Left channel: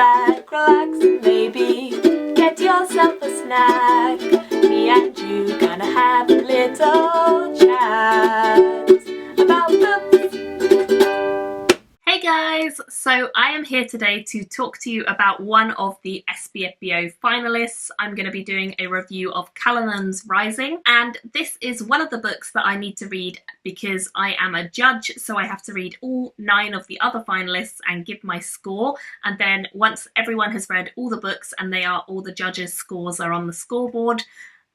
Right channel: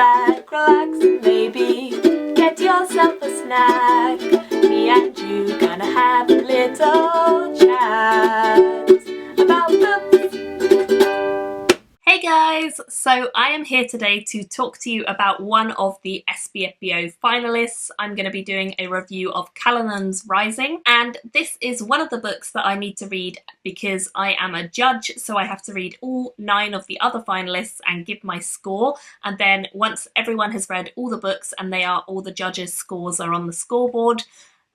back, relax, and maybe get yourself a snack. Me and you gonna have a little chat about books. Hey guys! So I am here today to talk to you about one of the SPFBO finalists. I'm going to be doing a review of Kalanon'S Rising, and this is one of the books that I need to read because I am a judge, so I have to read all 9 of the other finalists and give my score, and then once everyone has read all the books and all the judges' scores are on the scoreboard,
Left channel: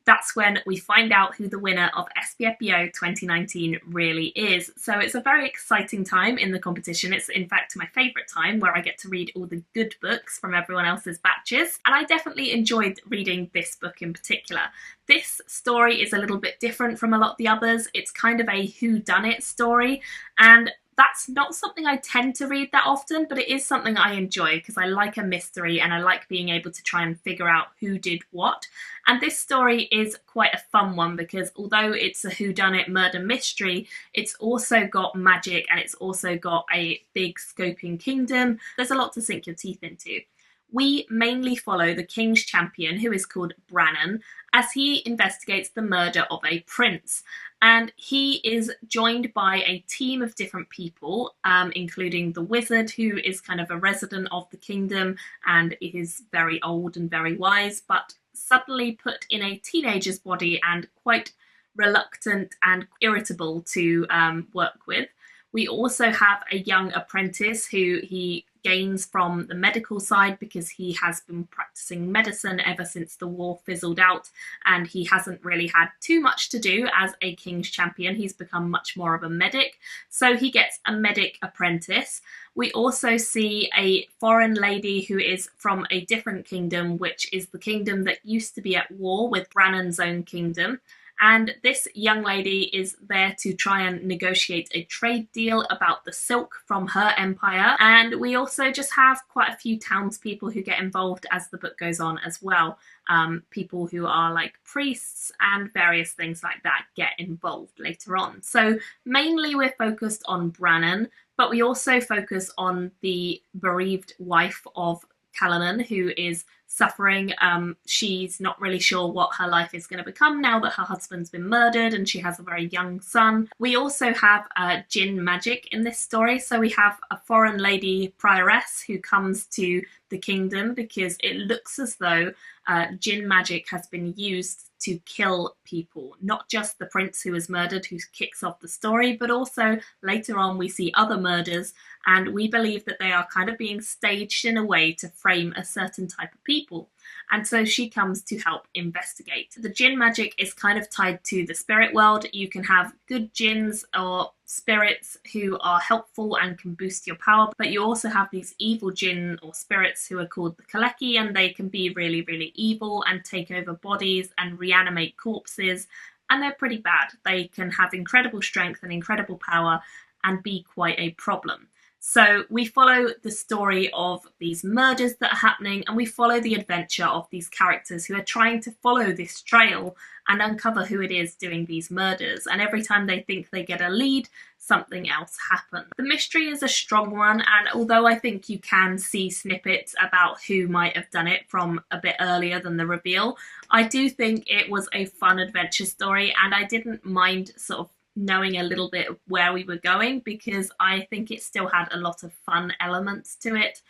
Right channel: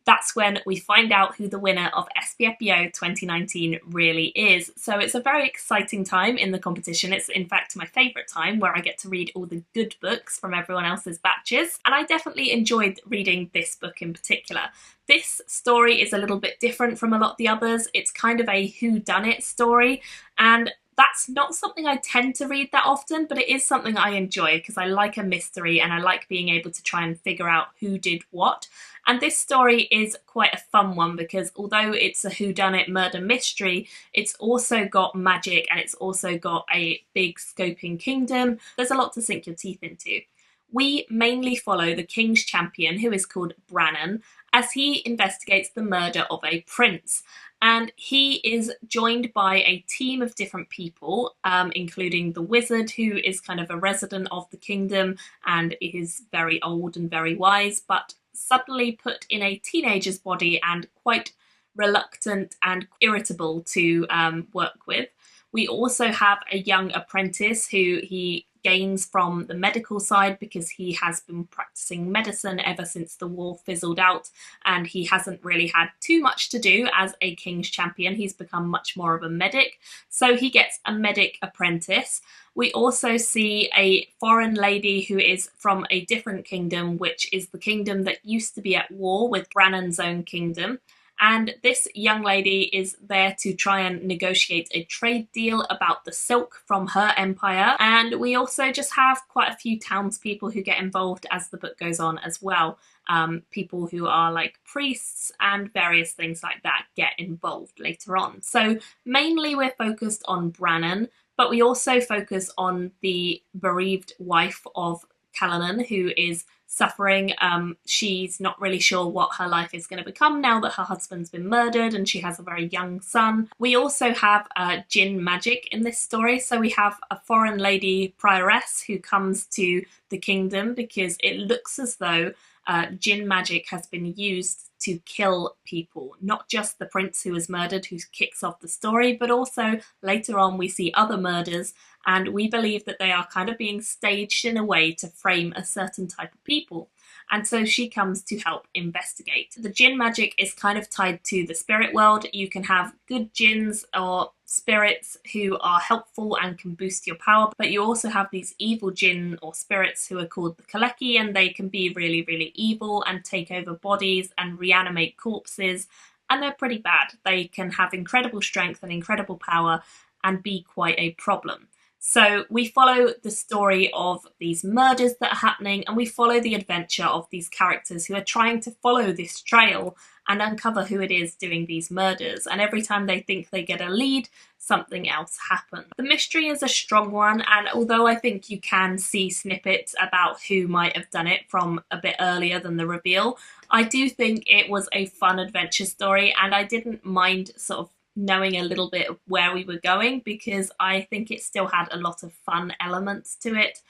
that's when we find out who the winner of SPFBO 2019 really is. So it's a very exciting time in the competition. It's in fact my favourite time, where I get to read all the good books from everyone else's batches. And I definitely enjoyed reading this book in particular. This story is a little bit different from a lot of the others. It's kind of a whodunit story, and that's not something I tend to read that often, but it is something I enjoy because I like a mystery and I like being able to try and figure out who did what. And this story is quite a fun one because although it's a whodunit murder mystery, it's also got magic and it's also got a big scoping kingdom. There's a lot to sink your teeth into. We mainly follow the King's Champion, who is called Brannon, as he investigates the murder of a prince. And he is joined by a team of different people, including the wizard, who is kind of a resident of the kingdom and is very old and very wise, but suddenly put in a teenager's body and quite reluctant and irritable to work with. We also have a young apprentice who he gains from the medical side because he has been practicing medicine ever since the war fizzled out, and he hasn't really had too much to do as a King's Champion. He's become much more of a medic, so he gets a medic apprentice. We also see a foreign lady who is from a different kingdom, which is the kingdom that used to be at war with Brannon's own kingdom. And this young lady is there to try and negotiate a trade deal about the silk from her empire. And we also just have quite a few townspeople who get involved as the book goes on as well. People who are like priests and various things like that get involved later on. So mainly we're focused on Brannon, but we also focus on the bereaved wife of Kalanon, who is suffering. She's not really sure what her life is going to become now that her husband's been murdered, and she has a very young son. We also have Jinn magic in this story. So we have a foreign lady prioress who comes to the kingdom because it looks as though Jinn magic has been used to kill people, not just the prince who was murdered, who kicks off the story, but also later on we see other murders, and we believe that they are kind of being staged in a way to frame a certain type of people. And so she comes to help investigate. The Jinn magic is kind of tied to the spirit world. You can have good jinns or spirits who are helpful and can boost your power, but you also have these evil jinn or spirits who are called the Kaleki, and they can be really, really evil and take over bodies and reanimate corpses, and they're pretty bad. They can have incredible strength and incredible power and be quite a problem. So we follow the story of these murders that are happening, and we follow the adventure of these characters who are trying to follow this trail and uncover who it is doing these murders. And every time they think they get a lead, something else happens. The mystery is a strong one, and although I think you can see snippets about who might have done it from a bit earlier than the reveal, I do think it was a fun adventure story, and I didn't mind sort of knowing a little bit of where we were going because I think it still had a lot of fun elements to it.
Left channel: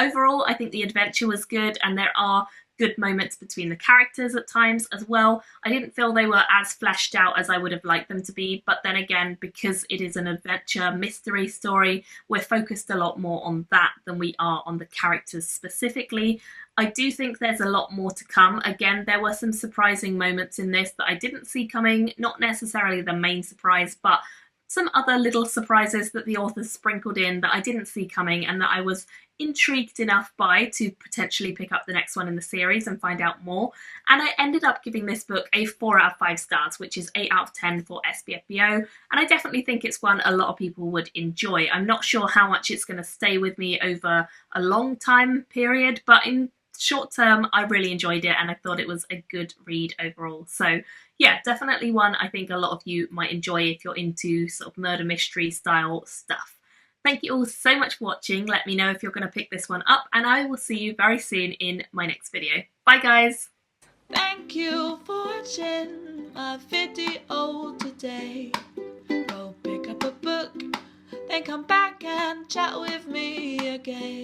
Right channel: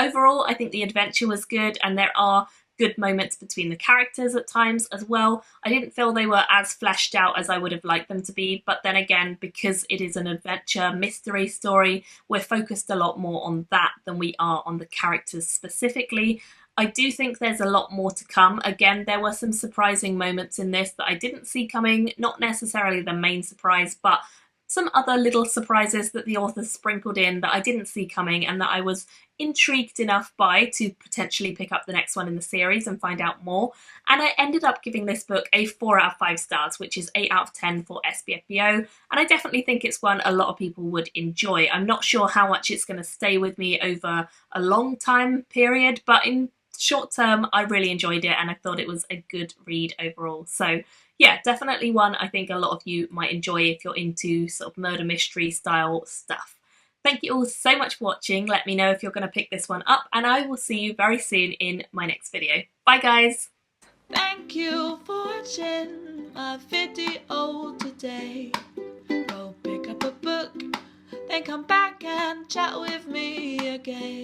Overall, I think the adventure was good, and there are good moments between the characters at times as well. I didn't feel they were as fleshed out as I would have liked them to be, but then again, because it is an adventure mystery story, we're focused a lot more on that than we are on the characters specifically. I do think there's a lot more to come. Again, there were some surprising moments in this that I didn't see coming, not necessarily the main surprise, but some other little surprises that the authors sprinkled in that I didn't see coming and that I was intrigued enough by to potentially pick up the next one in the series and find out more. And I ended up giving this book a 4 out of 5 stars, which is 8 out of 10 for SPFBO. And I definitely think it's one a lot of people would enjoy. I'm not sure how much it's going to stay with me over a long time period, but in short term, I really enjoyed it and I thought it was a good read overall. So yeah, definitely one I think a lot of you might enjoy if you're into sort of murder mystery style stuff. Thank you all so much for watching. Let me know if you're going to pick this one up, and I will see you very soon in my next video. Bye guys! Thank you for watching my video today. Go pick up a book, then come back and chat with me again.